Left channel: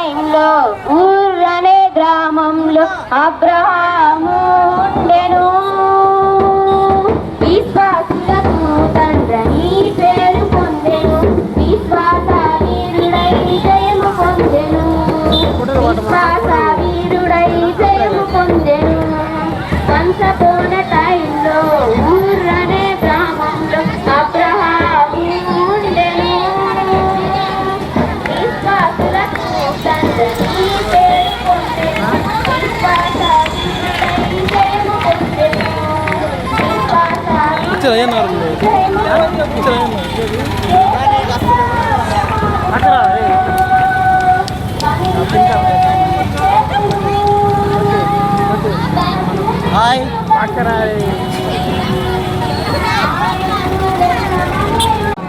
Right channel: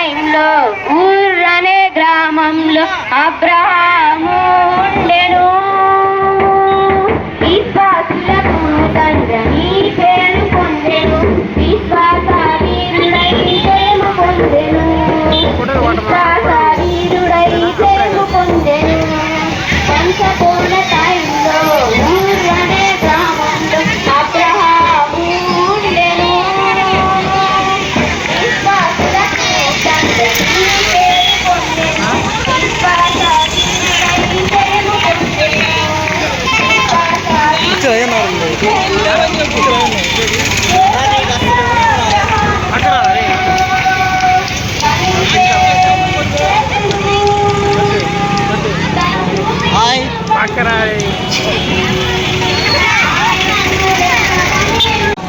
టైంలో ఊర్ అనే గ్రామంలో అబ్రహాము ఉండెను. విశ్వాసులకు తండ్రి పేరు పొందెను. విశ్వాస వీరుడై పేరు పొందెను. విశ్వాస వీరుడై పేరు పొందెను. పంచకోణ టైంలో ఊర్ అనే గ్రామంలో అబ్రహాము ఉండెను. విశ్వాసులకు తండ్రి పేరు పొందెను. విశ్వాస వీరుడై పేరు పొందెను.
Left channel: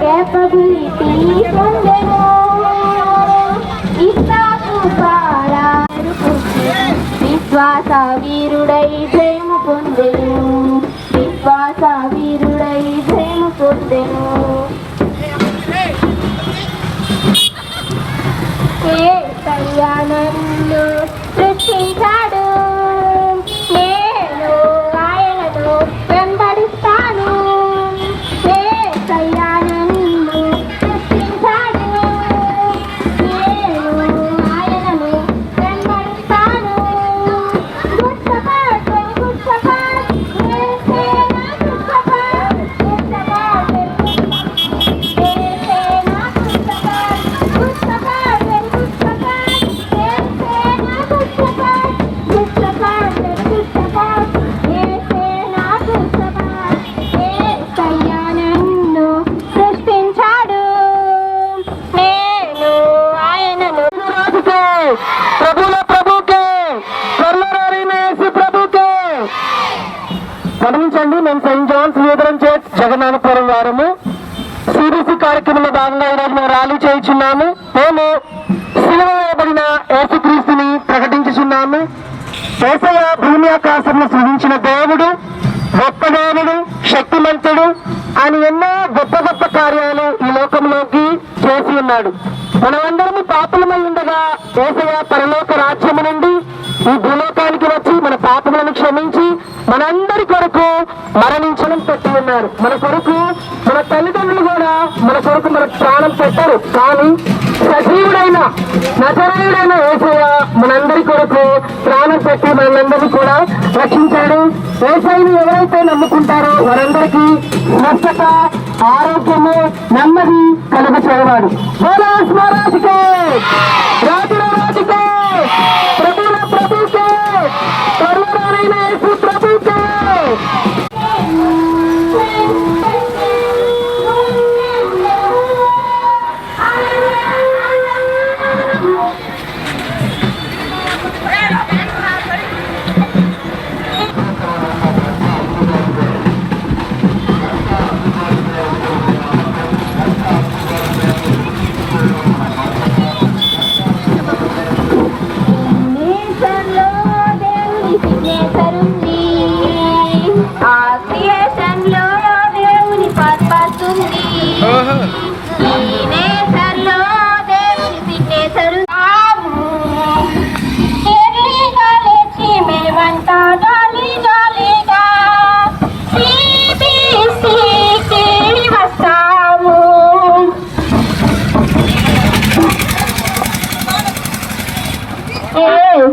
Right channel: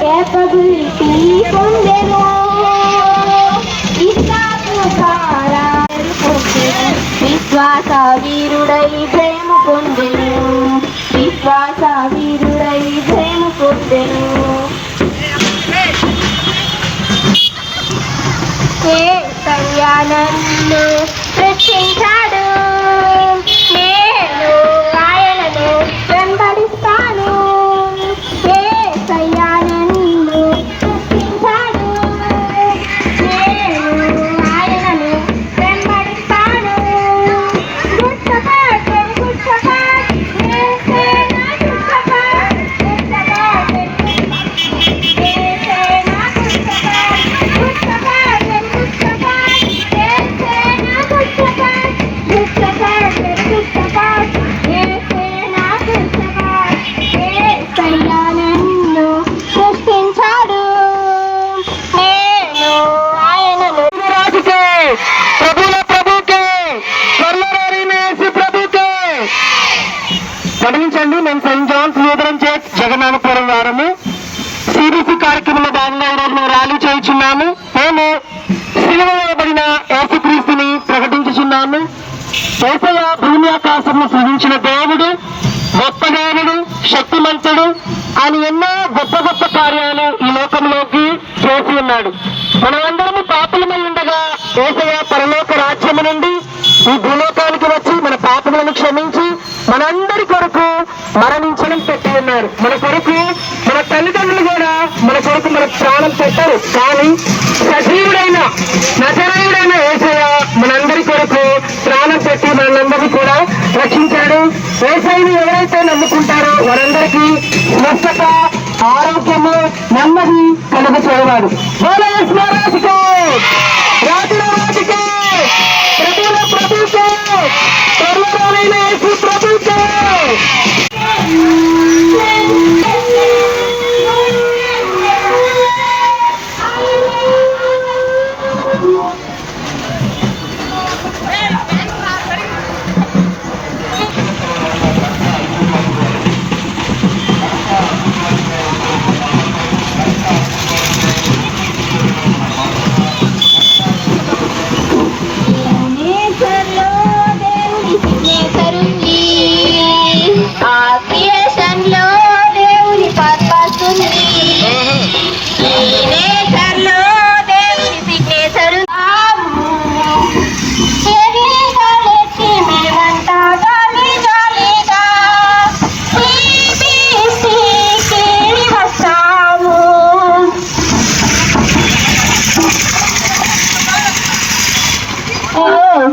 Capability పొందెను. ఇస్సాకు సారా విశ్వాస వీరుడై ప్రేమ పొందెను. విశ్వాస వీరుడై ప్రేమ పొందెను. యేసయ్య నన్ను రక్షించాడు. నేను ఆయనను వెంబడిస్తాను. యేసయ్య నన్ను రక్షించాడు. నేను ఆయనను వెంబడిస్తాను. గుడ్ షెపర్డ్, గుడ్ షెపర్డ్, యేసే నా గుడ్ షెపర్డ్. గుడ్ షెపర్డ్, యేసే నా good shepherd. Good shepherd, good shepherd, యేసే నా good shepherd. Good shepherd, good shepherd, యేసే నా గుడ్ షెపర్డ్. యేసయ్య నన్ను సృష్టించాడు. నేను ఆయనను ప్రభుల ప్రభుకే ప్రభుకే గమనించండి. మేము Saint Johne's Lutheran church Jagannathapuram వారము సిబిసి కార్యక్రమంలో భాగంగా ఈరోజు మేము ర్యాలీ చేయించున్నాము. మేము సిలువ వేయబడిన యేసుక్రీస్తుని ప్రకటించుచున్నాము. యేసయ్య భూమి ఆకాశంలో సృజించిన దేవుడు, గొప్ప దేవుడు, శక్తిమంతుడు. ఆయన ఎన్నో గొప్ప గొప్ప కార్యాలు ఈ లోకంలోకి చేసి ఉన్నాడు. మనమందరము పాపులమై ఉండగా యేసయ్య పరలోక రాజ్యము నుండి ఈ భూలోకానికి వచ్చి మన పాపములను క్షమించి మనందరి కొరకు మరణించడం పెట్టి ఉన్నారు. మన కొరకు మన తల్లిదండ్రులు కూడా మన కొరకు మన ప్రాణం పెట్టారు. కానీ సజీవుడైన నజరేయుడైన యేసయ్య మనందరి కొరకు ప్రాణం పెట్టి మనందరినీ కూడా రక్షించాడు. యేసయ్యని ఎవరైతే నమ్ముకుంటారో వారందరికీ స్వస్థత, ఆరోగ్యము, నెమ్మది కలుగ చేయవాడు. స్మరాశికే రాజురాజుకే ప్రభుల ప్రభుకే పరువైన యేసు ప్రభుకే.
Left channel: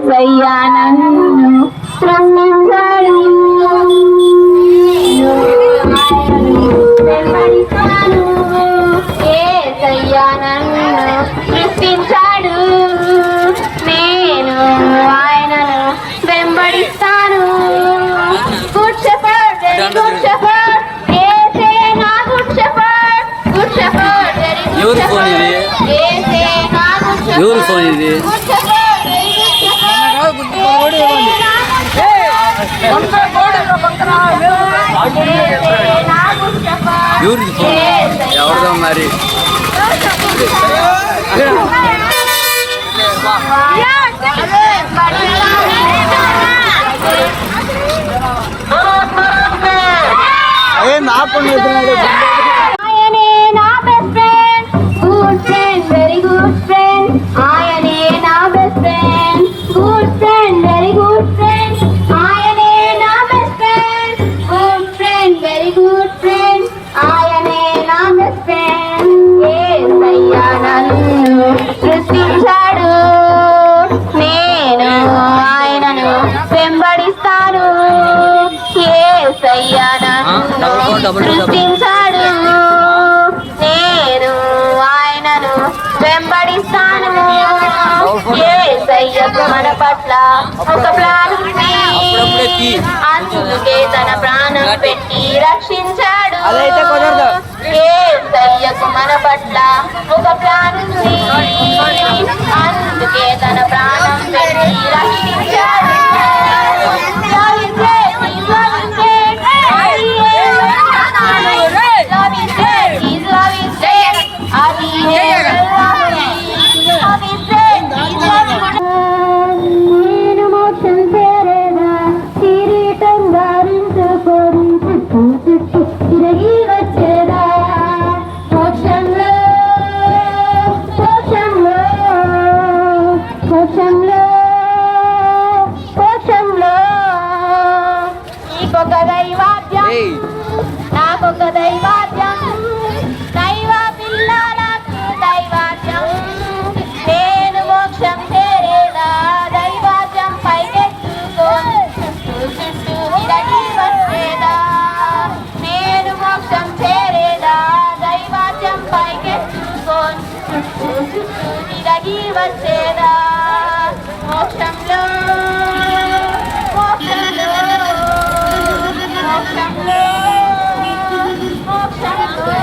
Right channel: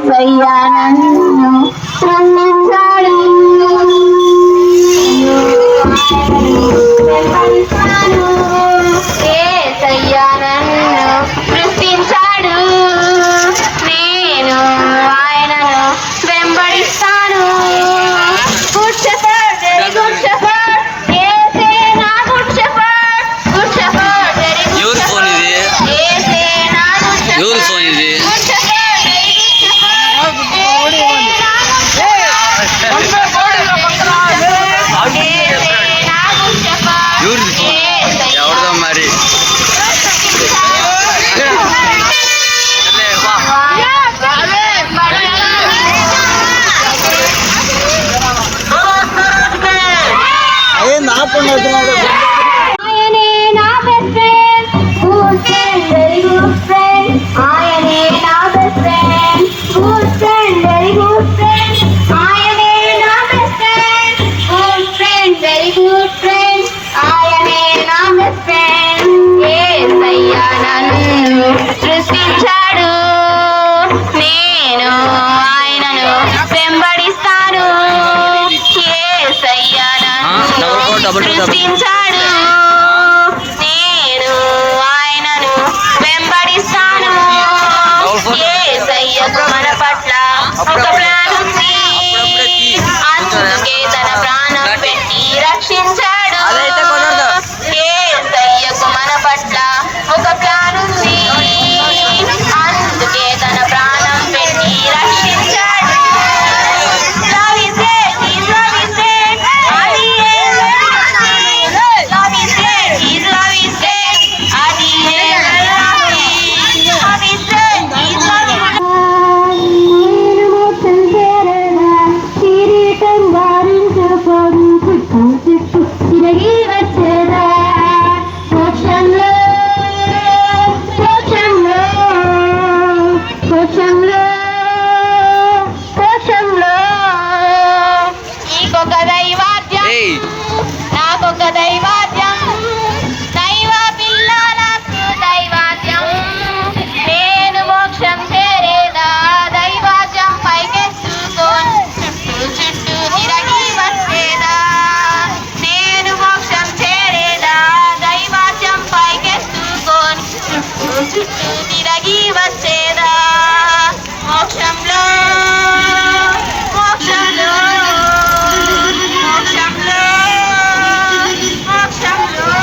యేసయ్య నన్ను రక్షించాడు. వెంబడిస్తాను. యేసయ్య నన్ను సృష్టించాడు. నేను ఆయనను వెంబడిస్తాను. Good shepherd, very good shepherd, యేసే నా good shepherd. Good shepherd, very good. ఎవరి ఫోన్ ఇది? యేసే నా గుడ్ షెపర్డ్. ఎవరి ఫోన్ ఇది? ఎవరిది ఫోన్? ఎవరిదో మరి. అదే నా పని ఆయనే నా best friend, good friend, very good friend. ఆయనే నా ఒక ప్లాన్ ఉంది. అప్పుడప్పుడే తీ. అందుకే తన ప్రాణం పెట్టి రక్షించాడు. అదైతే కుదరదు. యేసయ్యకు మన పట్ల ఒక ప్లాన్ ఉంది. అందుకే తన ప్రాణం పెట్టి రక్షించాడు. Love is great, His love is great. అది Love is great, His love is great. అది Love is great, His love is great. నేను మోక్షం చేరేదా కిరీటం ధారించుకొని చుట్టూ చుట్టూ తిరిగి వచ్చేదా మోక్షంలో మోక్షంలో మోక్షంలో మోక్షంలో నీకొక దైవాద్యం ఏయ్ నాకొక దైవాద్యం దైవ పిల్ల నాకు దైవాద్యం నేను మోక్షం చేరేదా దైవాద్యం పైకెత్తుకొని చుట్టూ చుట్టూ తిరిగి వచ్చేదా నేను మోక్షం చేరేదా దైవాద్యం పైకెత్తుకొని చుట్టూ చుట్టూ తిరిగి వచ్చేదా మోక్షంలో మోక్షంలో మోక్షంలో మోక్షంలో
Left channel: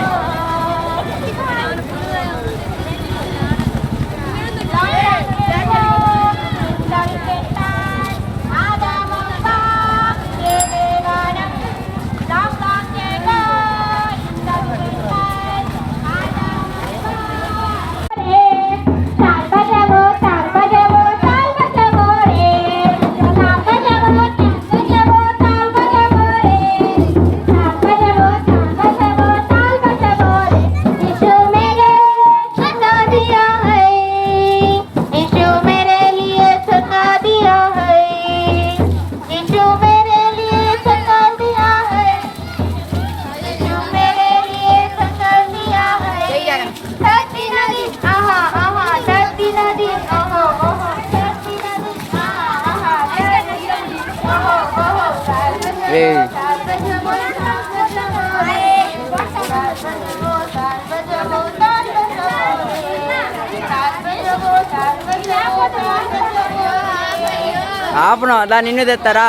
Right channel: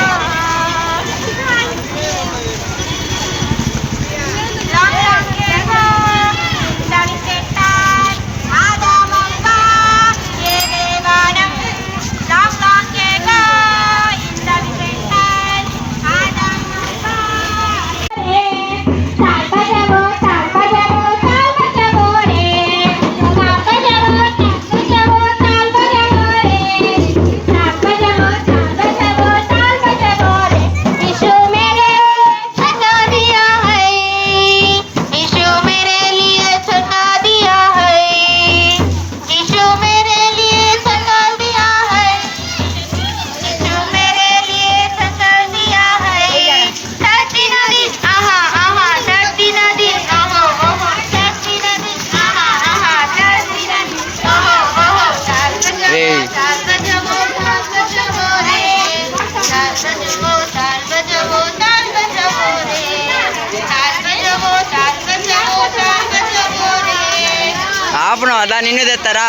ఏయ్ ఆపను అదా నిన్ను తెస్తారా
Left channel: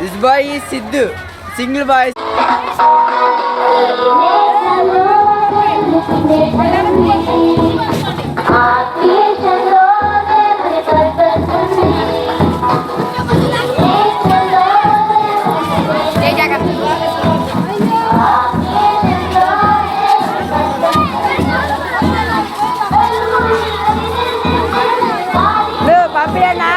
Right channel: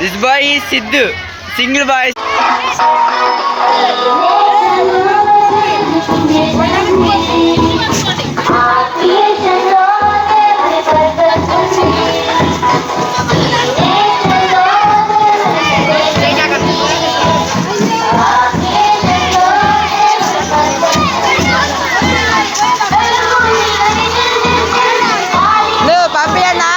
దిస్ బాయ్ ఈ సిద్ధు సింగిల్ బాయ్ పంపియన్నా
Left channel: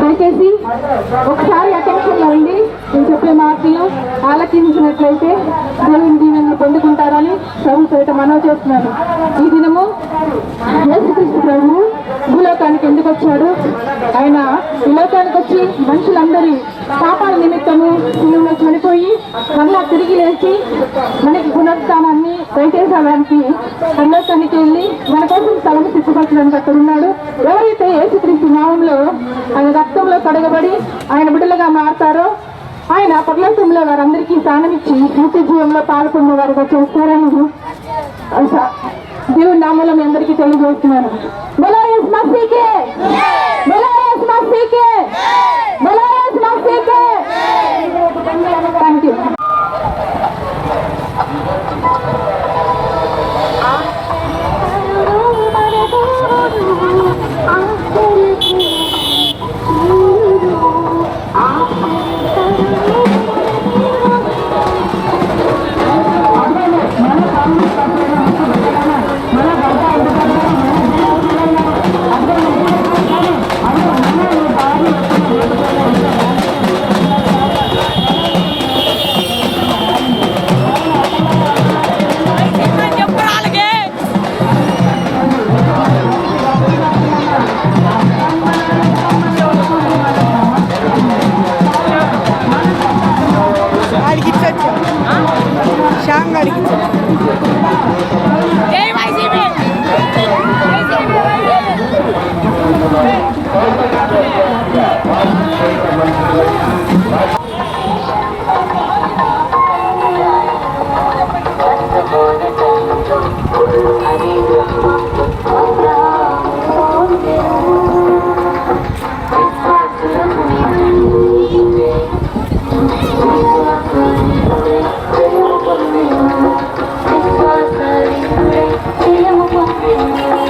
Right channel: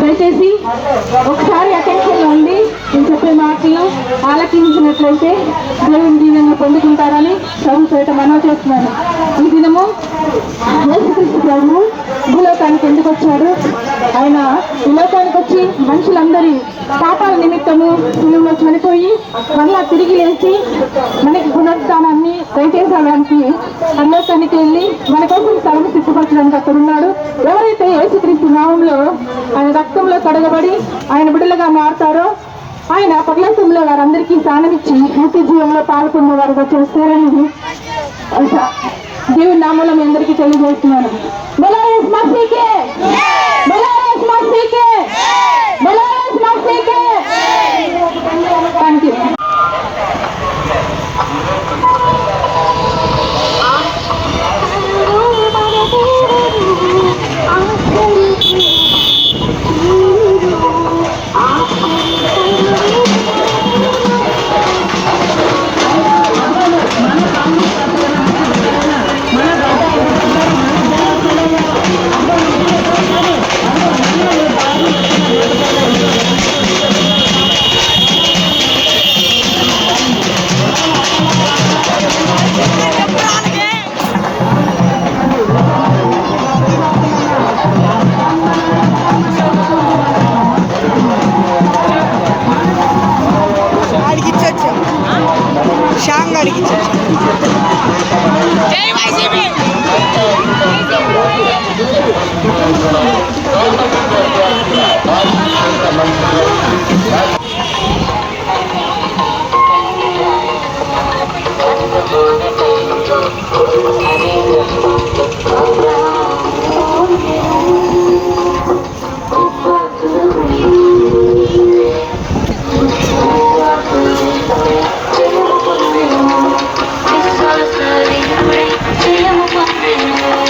దయచేసి ఒకసారి అటెన్షన్ ఉంది నేను చెప్పే మాటలు ఆలకించినట్లయితే దేవుని దీవెనలు పొందుకుంటారని ప్రభు చేత మనవి చేస్తున్నాను. ఈ దినము యేసుక్రీస్తు ప్రభువు భూలోకానికి ఎందుకు వచ్చాడు? ఆయన ఈ లోకానికి వచ్చి మనుషులందరి పాపాల నిమిత్తము శిలువలో చనిపోయి మళ్ళా తిరిగి లేచి మనకి పునరుత్థానాన్ని దయచేసడానికి పరలోకానికి వెళ్ళి మన కోసం సభను సిద్ధపరచడానికి అక్కడ ఉన్నాడు. ఎవరైతే యేసుక్రీస్తు నామంలో ఆయన రక్తంలో కడగబడి ఆయన బిడ్డలుగా మారుతారో ఆయన పరలోకంలో వారందరికీ స్థానం ఇచ్చి నిత్య జీవంలో పాల్గొన్న వారుగా చేస్తారని దేవుని నామంలో మీ అందరికీ తెలియజేస్తున్నాను. బోలో యేసు మసీహ్కి, బోలో యేసు మసీహ్కి, బోలో యేసు మసీహ్కి. Thank you. విశ్వాస